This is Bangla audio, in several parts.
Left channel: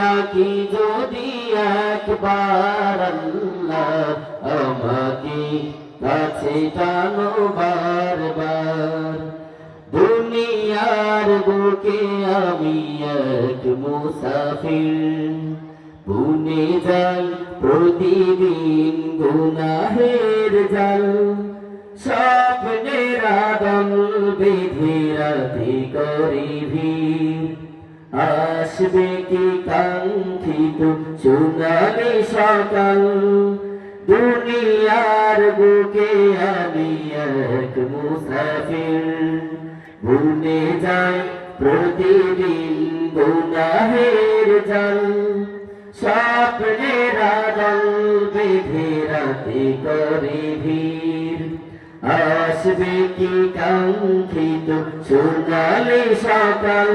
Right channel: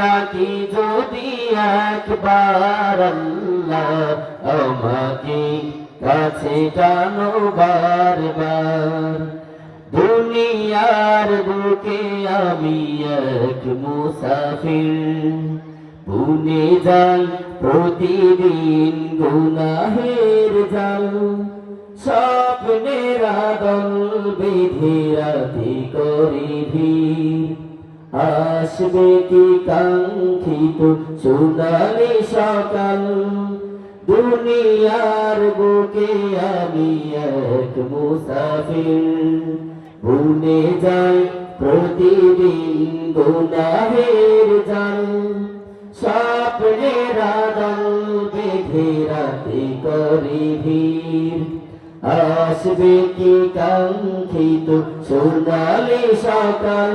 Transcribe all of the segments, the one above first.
ডাকি যদি একবার আল্লাহ আমাকে কাছে টানো বারবার দুনিয়ার বুকে আমি এক মুসাফির বুনে যাই প্রতিদিন গুনাহের জাল স্বপ্নের আদল বেঁধে রাতে করি ভিড় আসবে কি কাঙ্ক্ষিত সোনালি সকাল দুনিয়ার বুকে আমি এক মুসাফির ভুলে যাই প্রতিদিন গুনাহের জাল স্বপ্নের আদল বেঁধে রাতে করি ভিড় আসবে কি কাঙ্ক্ষিত সোনালি সকাল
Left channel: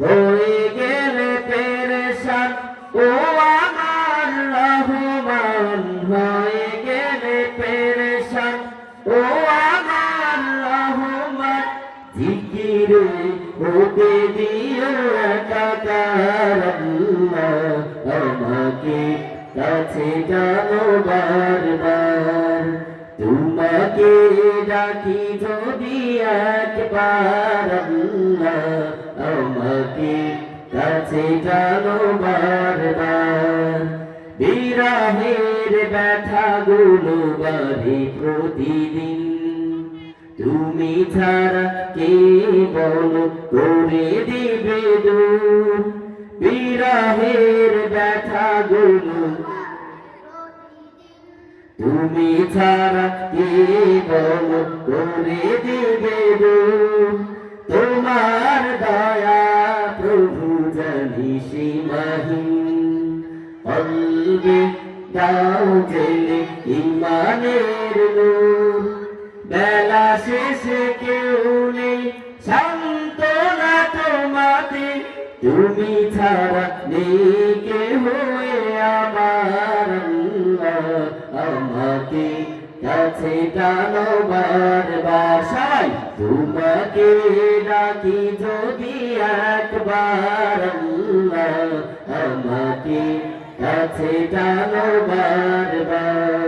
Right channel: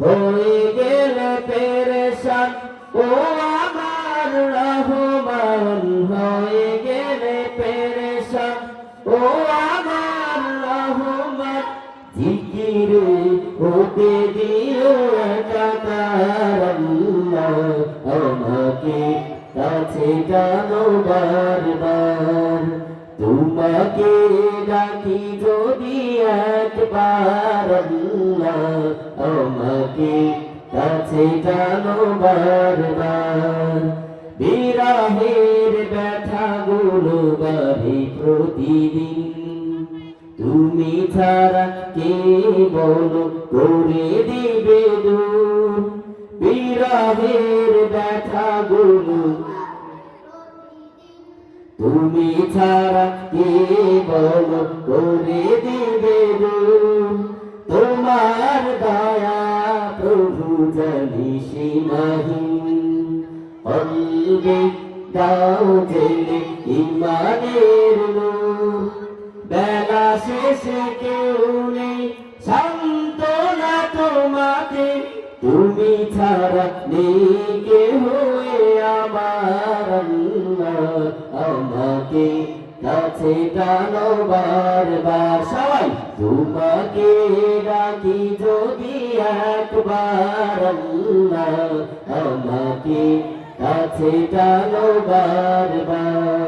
হয়ে গেলে পেরেশান ও আমার রহমান হয়ে গেলে পেরেশান ও আমার রহমান জিকিরে হতে দিও একাকার আল্লাহ আমাকে কাছে টানো বারবার তোমাকে ডাকি যদি একবার আল্লাহ আমাকে কাছে টানো বারবার বিরহের ব্যথাগুলো বাড়ে প্রতিদিন তুমি ছাড়া কে বলো করে দিবে দূর বিরহের ব্যথাগুলো তুমি ছাড়া কে বলো করে দিবে দূর তোমার দয়া প্রভু জানি সীমাহীন কলবে দাও জেলে ইমানের নূর বেলা শেষে কেউ নেই সান্ত্বনা তোমাকে তুমি ছাড়া নেই কেহ আমার আল্লাহ আমাকে কাছে টানো বারবার সবাই তোমাকে ডাকি যদি একবার আল্লাহ আমাকে কাছে টানো বারবার